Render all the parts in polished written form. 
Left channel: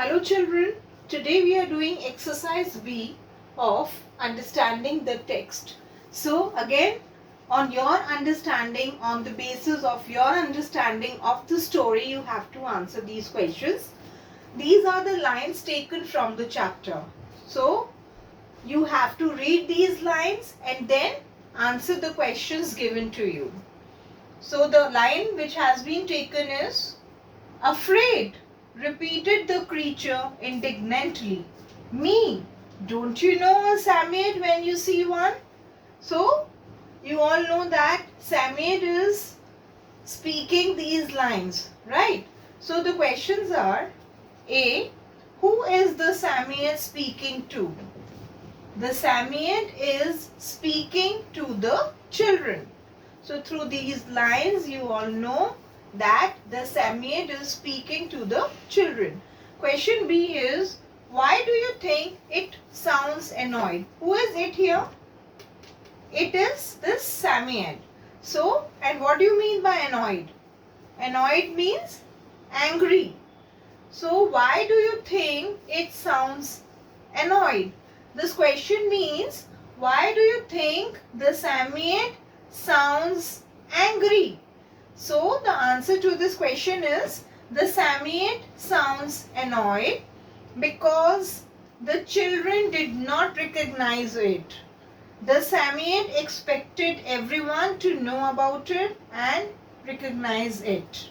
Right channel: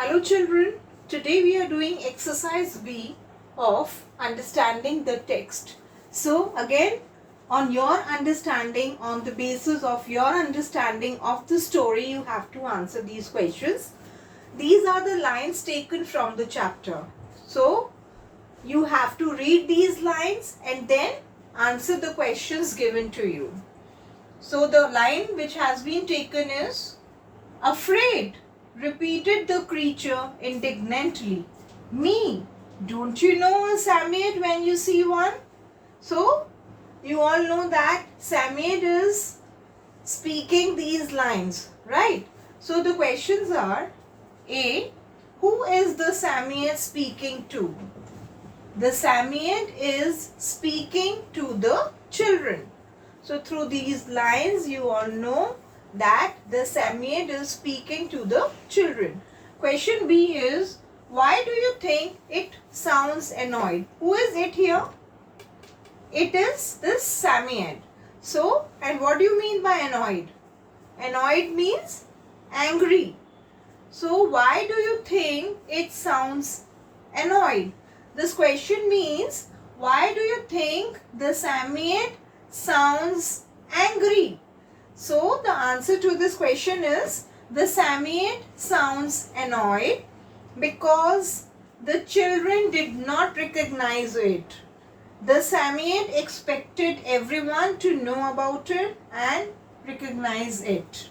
Hello children, today we are doing exercise B of understanding the text. So again, on your understanding, on the basis of your understanding of the story, you have to answer these questions. These are the lines taken from the chapter. So you have to read these lines and then answer the questions given to you. So the line which has been taken is, "Afraid," repeated the creature indignantly. "Me? Don't you know a Samoyed when you see one?" So, you all know that Samoyed is speaking these lines, right? So, the questions are: A. Who is the Samoyed speaking to? The Samoyed is speaking to the children. So, through these lines, you all know that the Samoyed is speaking to the children. Question B is, why do you think it sounds annoyed? Who is it here? It is this Samoyed. So, and what do you mean by annoyed? Annoyed means angry. So, why do you think it sounds annoyed? This question means, why do you think the Samoyed sounds angry? So the answer to this question is, the Samoyed sounds annoyed because the children did not recognize it. The Samoyed expected everyone to know about it and recognize it.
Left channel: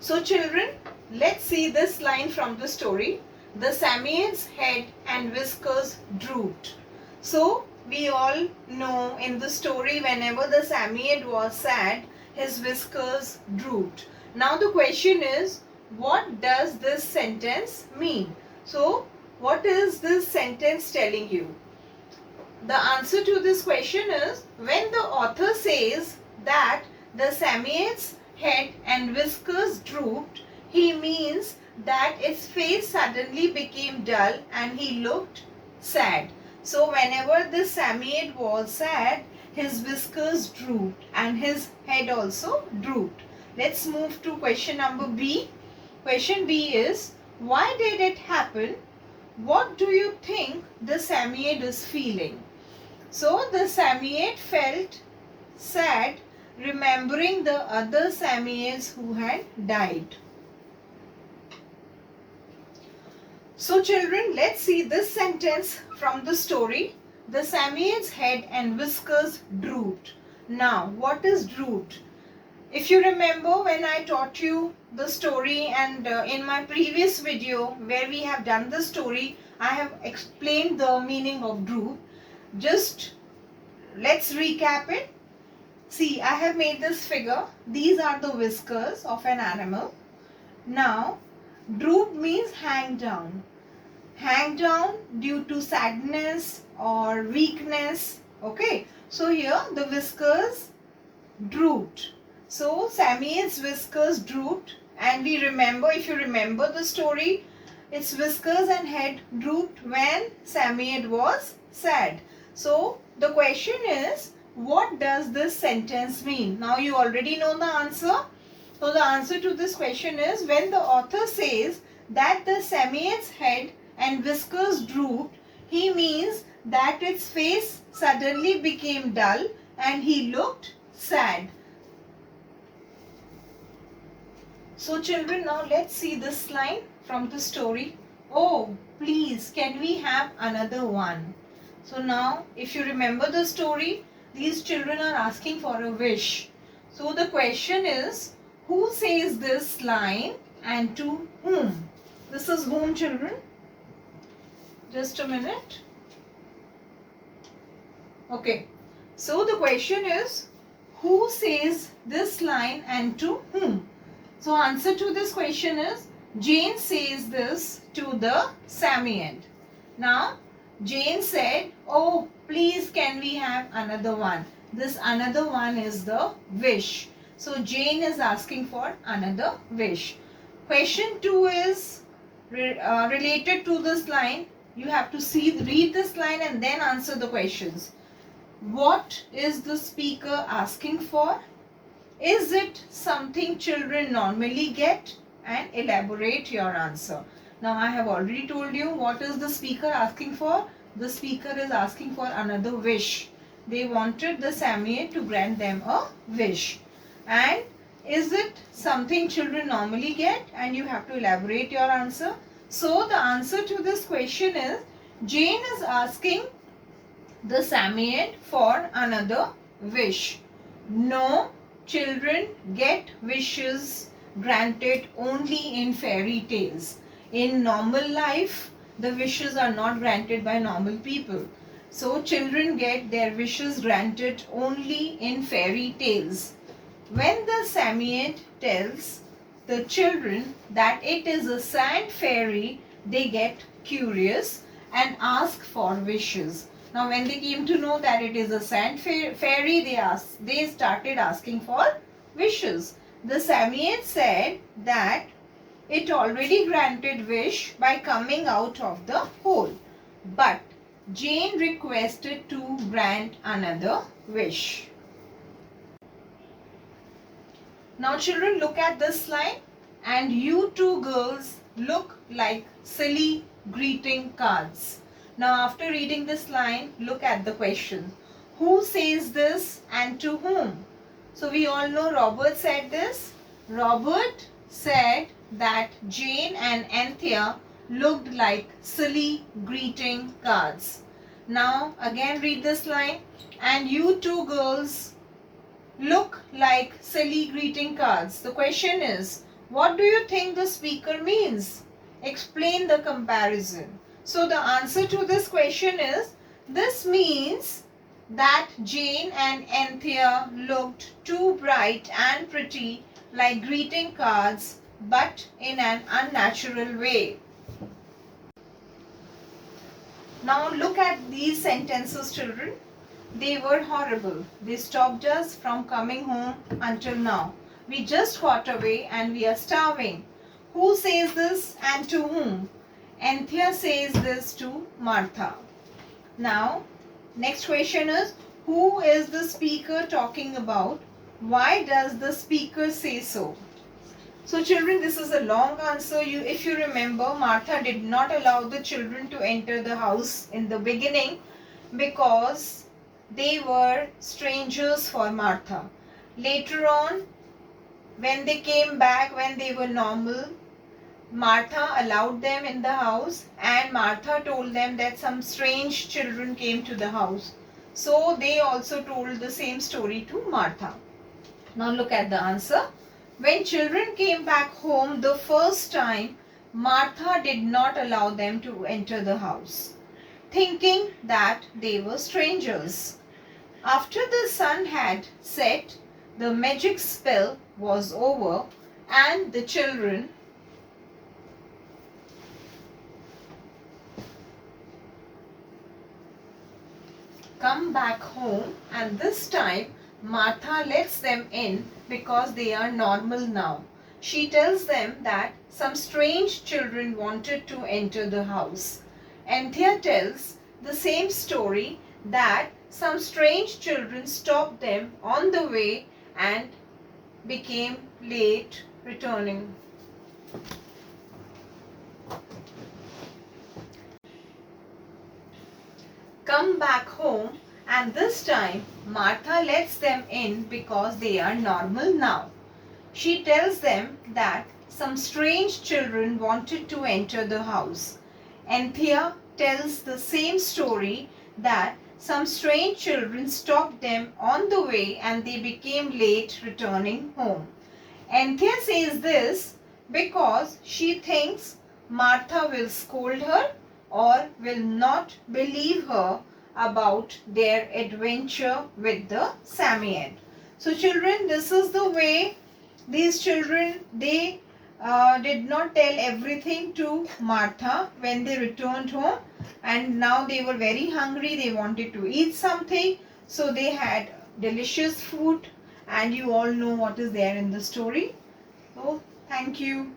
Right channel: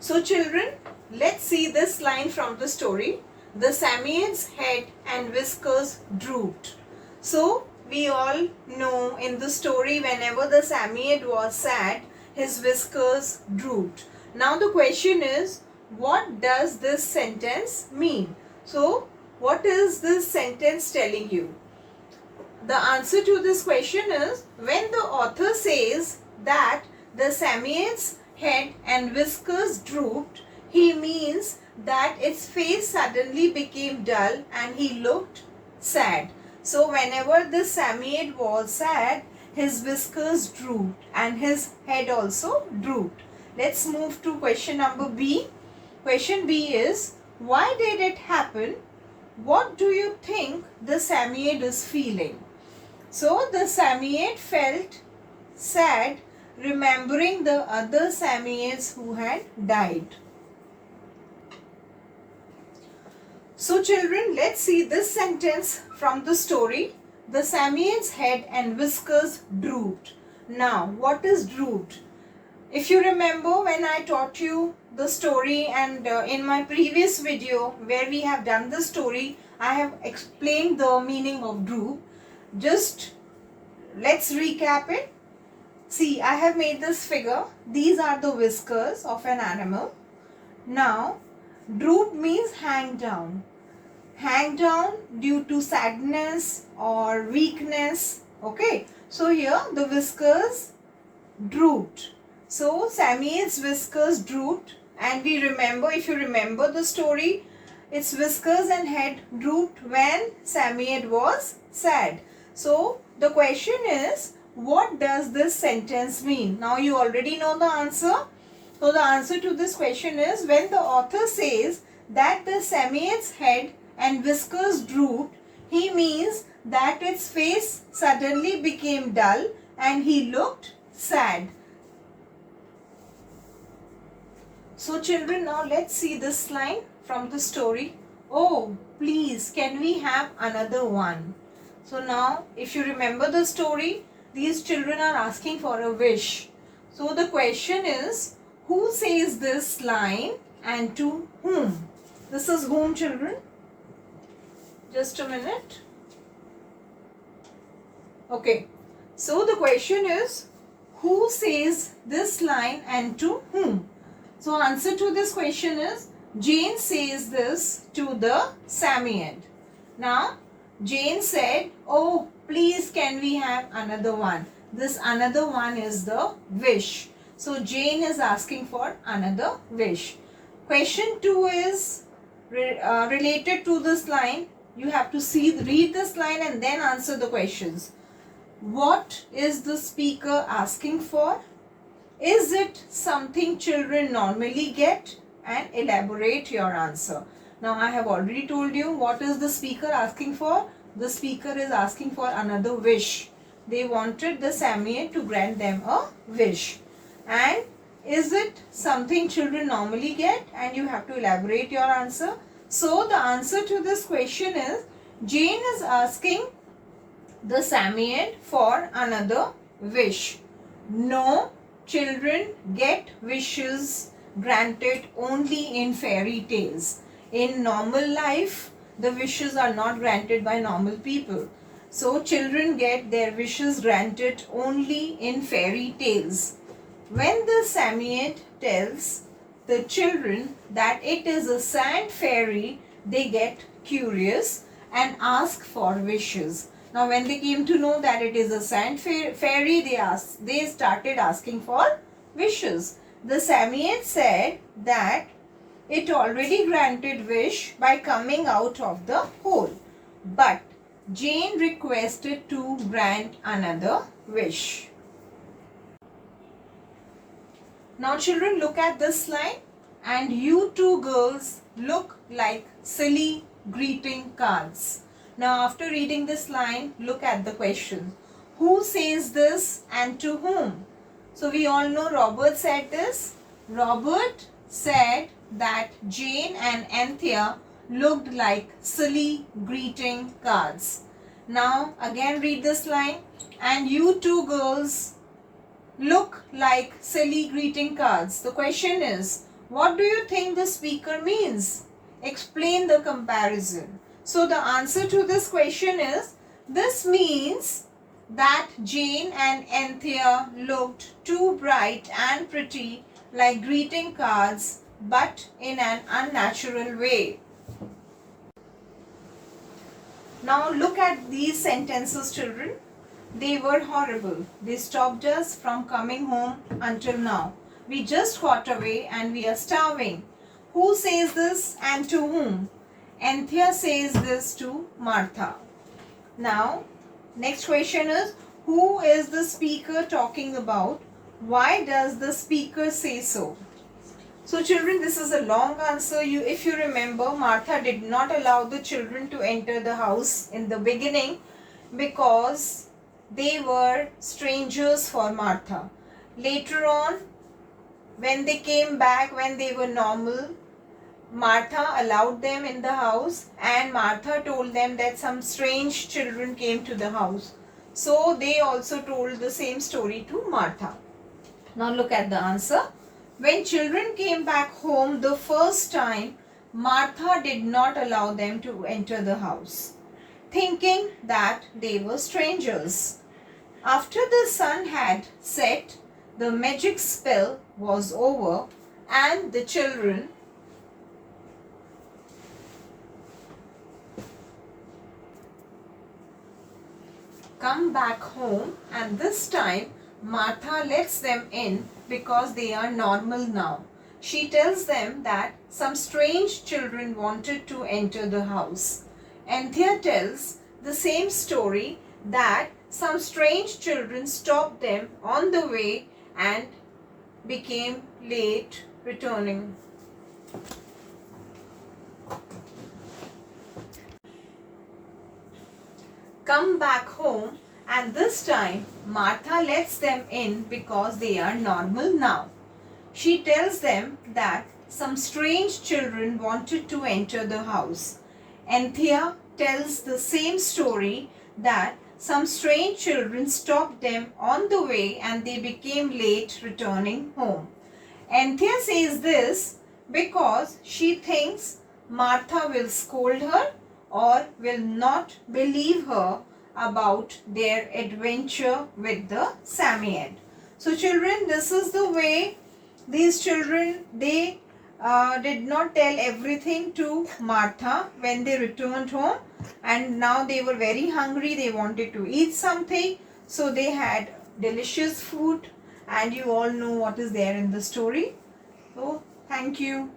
So children, let's see this line from the story. The Samoyed's head and whiskers drooped. So we all know in the story, whenever the Samoyed was sad, his whiskers drooped. Now the question is, what does this sentence mean? So what is this sentence telling you? The answer to this question is, when the author says that the Samoyed's head and whiskers drooped, he means that its face suddenly became dull and he looked sad. So whenever the Samoyed was sad, his whiskers drooped and his head also drooped. Let's move to question number B. Question B is, why did it happen? What do you think the Samoyed is feeling? So the Samoyed felt sad remembering the other Samoyeds who had died. So children, let's see this sentence from the story. The Samoyed's head and whiskers drooped. Now, what is drooped? If you remember when I taught you the story and in my previous video where we have done the story, I have explained the meaning of droop. Just let's recap it. See, I have made this figure. These are the whiskers of an animal. Now, droop means hang down. Hang down due to sadness or weakness. Okay. So here the whiskers drooped. So Samoyed's whiskers drooped, and we remember, if you remember the story, its whiskers and head drooped when Samoyed was sad. So the question is, what does this sentence mean? Now you already know the answer. So the answer to this question is, when the author says that the Samoyed's head and whiskers drooped, he means that its face suddenly became dull and he looked sad. So children, now let's see this line from the story. "Oh, please, can we have another one?" So now, if you remember the story, these children are asking for a wish. So the question is, who says this line and to whom? This is whom, children? Just a minute. Okay. So the question is, who says this line and to whom? So answer to this question is, Jane says this to the Samoyed. Now, Jane said, "Oh, please, can we have another one?" This another one is the wish. So Jane is asking for another wish. Question 2 is related to this line. You have to read this line and then answer the questions. What is the speaker asking for? Is it something children normally get? and elaborate your answer. Now I have already told you what is the speaker asking for. The speaker is asking for another wish. They wanted the Samoyed to grant them a wish. And is it something children normally get? And you have to elaborate your answer. So the answer to this question is, Jane is asking the Samoyed for another wish. No, children get wishes granted only in fairy tales. In normal life, the wishes are not granted by normal people. So children get their wishes granted only in fairy tales. When the Samoyed tells the children that it is a sand fairy, they get curious and ask for wishes. Now when they came to know that it is a sand fairy, they started asking for wishes. The Samoyed said that it already granted wish by coming out of the hole. But Jane requested to grant another wish. Now children, look at this line. And you two girls look like silly greeting cards. Now after reading this line, look at the question. Who says this and to whom? So we all know Robert said this. Robert said that Jane and Anthea looked like silly greeting cards. Now again read this line. And you two girls look like silly greeting cards. The question is, what do you think the speaker means? Explain the comparison. So the answer to this question is, this means that Jane and Anthea looked too bright and pretty like greeting cards, but in an unnatural way. Now look at these sentences, children. They were horrible. They stopped us from coming home until now. We just got away and we are starving. Who says this and to whom? Anthea says this to Martha. Now, next question is, who is the speaker talking about? Why does the speaker say so? So children, this is a long answer. If you remember, Martha did not allow the children to enter the house in the beginning because they were strangers for Martha. Later on, when they came back, when they were normal, Martha allowed them in the house, and Martha told them that some strange children came to the house. So they also told the same story to Martha. Now look at the answer. When children came back home the first time, Martha did not allow them to enter the house, thinking that they were strangers. After the sun had set, the magic spell was over, and the children come back home, and this time Martha lets them in because they are normal now. She tells them that some strange children wanted to enter the house. Anthea tells the same story, that some strange children stopped them on the way and became late returning. Come back home, and this time Martha lets them in because they are normal now. She tells them that some strange children wanted to enter the house. Anthea tells the same story, that some strange children stopped them on the way and they became late returning home. Anthea says this because she thinks Martha will scold her or will not believe her about their adventure with the Samoyed. So children, this is the way these children, they did not tell everything to Martha when they returned home, and now they were very hungry. They wanted to eat something, so they had delicious food, and you all know what is there in the story. So thank you.